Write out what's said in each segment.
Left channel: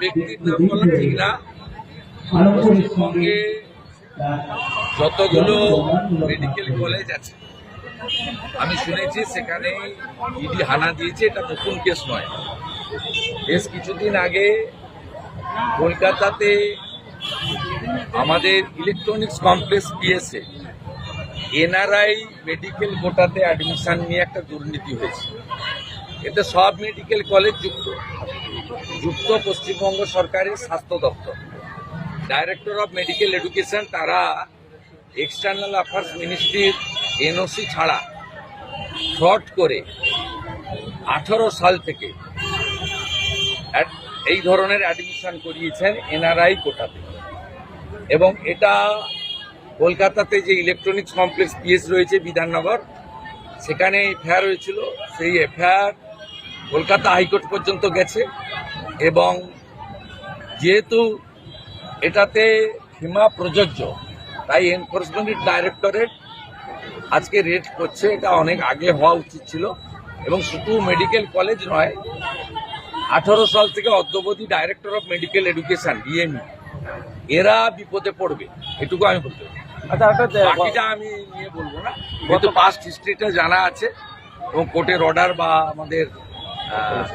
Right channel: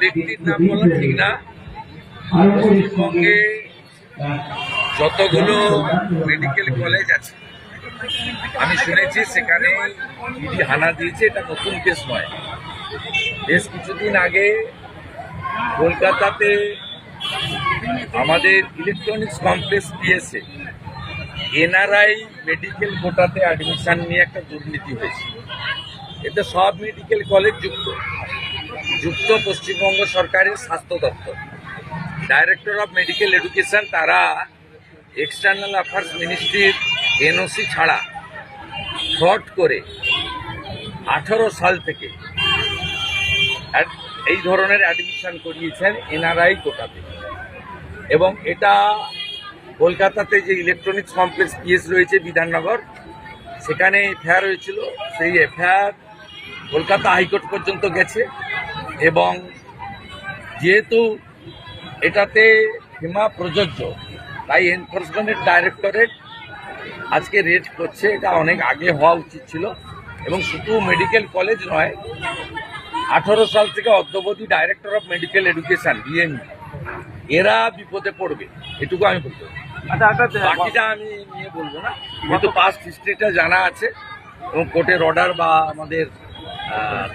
ব্যক্তির নাম পশ্চিমবঙ্গে যতগুলো মেডিকেল কলেজ আছে, আমি শুনেছি সেখানে ইডি হানা দিয়েছে, এটা নতুন কেস নয়। বেশ কিছুদিন আগে কলকাতাতে আমাদের electronics complex PSA NRI medical কোটাতে admission নিয়ে একটা দুর্নীতি হয়েছে। এতে সব মেডিকেল কলেজ যুক্ত। যুক্ত পশ্চিমবঙ্গ সরকারের স্বাস্থ্য দপ্তর। ডাইরেক্টর অফ মেডিকেল এডুকেশন তারা এক্সটার্নাল অ্যাফেয়ার্স মিনিস্ট্রির এনওসি ছাড়া ফ্রড করে আঠারো সাল থেকে এই ধরনের অ্যাডমিশন করিয়েছেন এনআরআই কোটাতে। এবং এটা কলকাতাতে যে ইলেকট্রনিক্স কমপ্লেক্স পিএস রয়েছে বিধাননগর, সেখানে এফআইআর হয়েছিল। সেই এফআইআর কলকাতা হাইকোর্ট পর্যন্ত গেছে এবং যেহেতু এটাতে সীমা প্রযোজ্য তাই এনফোর্সমেন্টের ডাইরেক্টরেট আজকে রেড করছে এটা অনেক আগে হওয়া উচিত ছিল এবং শুধু মেডিকেল কলেজ নয় আঠারো সাল থেকে অদ্যবধি director of medical education DME এরা বিপদে পড়বে এটুকু আমি বলতে আচ্ছা বাকিটা আমি নিয়ে বলব না যেহেতু পাস্ট হিস্ট্রিটা জানা আছে এবং কোর্টের অর্ডার বা আমাদের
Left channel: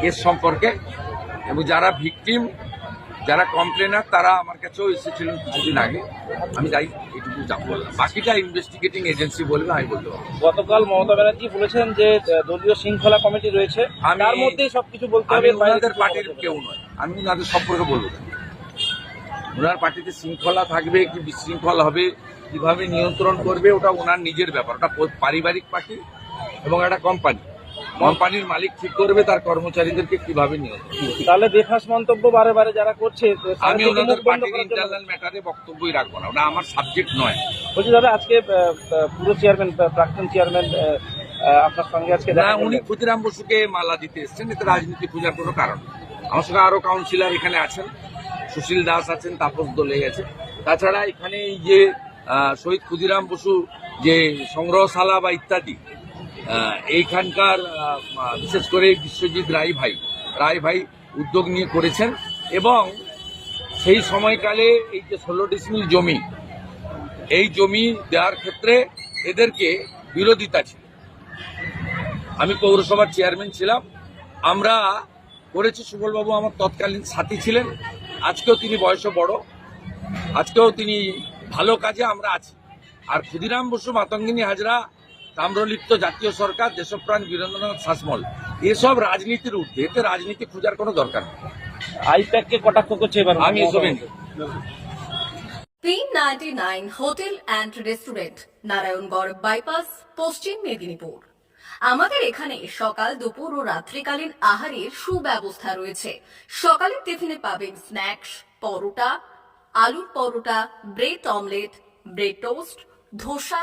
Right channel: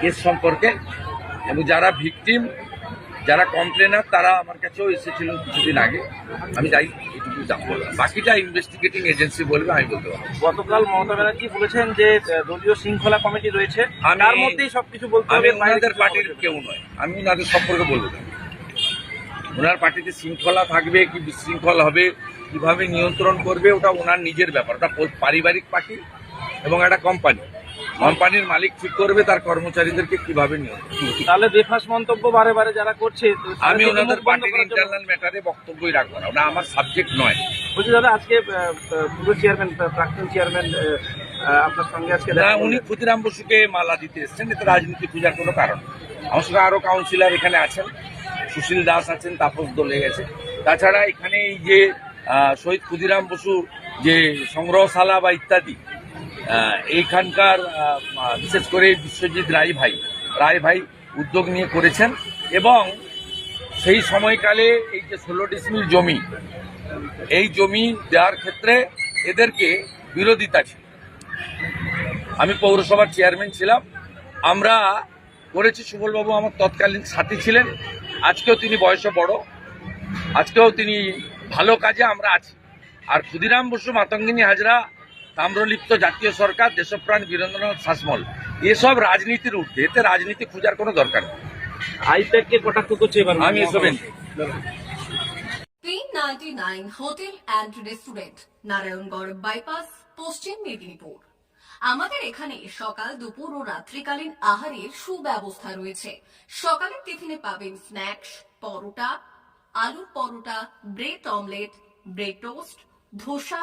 কেস সম্পর্কে। এবং যারা ভিকটিম যারা কমপ্লেনার তারা আমার কাছেও এসেছিলেন কিছুদিন আগে। আমি যাই এটুকু যা বললাম বাকিটা ইনভেস্টিগেটিং এজেন্সি বলবে আমি বলতে পারব। গতকাল মমতা ব্যানার্জি বলেছেন যে দলীয় শৃঙ্খলা কমিটি রয়েছে। তার মধ্যেই সবকিছু বলতে আমি ওনাদের পার্টির। কেউ নয়। আমি ওনাদের সম্পর্কে বলব। না ওনার পার্টিতে শৃঙ্খলা থাকবে কি বিশৃঙ্খল হবে কীভাবে নিয়ন্ত্রণ করবে ওটা ওনার নিজের ব্যাপার। ওটা পারিবারিক পার্টি এবং একটা কোম্পানি কোম্পানির মালিক ঠিক করবে তার কর্মচারীদেরকে কীভাবে করবে। তাহলে বেফাস মন্তব্য বারে বারে যারা করছে আমি ওনাদের পার্টির ইন্টারনাল ম্যাটারে বক্তব্যই রাখব না ওটা আমার সাবজেক্ট নয় বলছি দাদা আজকে পুরো চেয়ারম্যান প্রাক্তন চেয়ারম্যান আপনার সঙ্গে আজকে না উনি ক্ষুদিরাম বসুকে মালা দিতে এসছেন এতে রাজনীতি খোঁজার কোনো কারণ। আমার সঙ্গে আরও কাউন্সিলর এখানে আছেন সুশীল দাস আছেন তাপস দলে গেছে তাছাড়া এখানে এই যে শহীদ ক্ষুদিরাম বসু যে সংগ্রহশালা বা ইত্যাদি এইখানকার বিশেষ করে বিশ্বজিৎ রায় ভাই। রায় ভাই উদ্যোগ নিয়ে করেছেন এবং সেই সময়কালে এই যে ষোলো ডিসমিল জমি, এই জমি দেওয়ার ক্ষেত্রে এদেরকে বিরোধিতা ছিল। আমি পৌরসভার চেয়ারম্যান ছিলাম। আমরা করেছি, সুবলবাবু আমার তৎকালীন সাথী ছিলেন। আজকেও তিনি বয়সে বড়। আজকেও তিনি ভালো কাজে আমরা আছি। আর ক্ষুদিরাম বসু, মাতঙ্গিনী হাজরা তাম্রলিপ্ত জাতীয় সরকার দেশপ্রাণ বীরেন্দ্রনাথ শাসমল। এসব রাজনীতির ঊর্ধ্বে এতে রাজনীতি খোঁজার কোনো দরকার নেই। আইপ্যাককে কটাক্ষ করছে আমি এসব তিন ninety nine hotel and restaurant Narayangarh bypass Paschim Medinipur. আমাদের এখানে সকাল দুপুর ও রাত্রিকালীন আহারের সুব্যবস্থা রয়েছে। সকালের টিফিনে পাবেন স্ন্যাক্স পরোটা আলুর paratha bread omelette bread toast dosa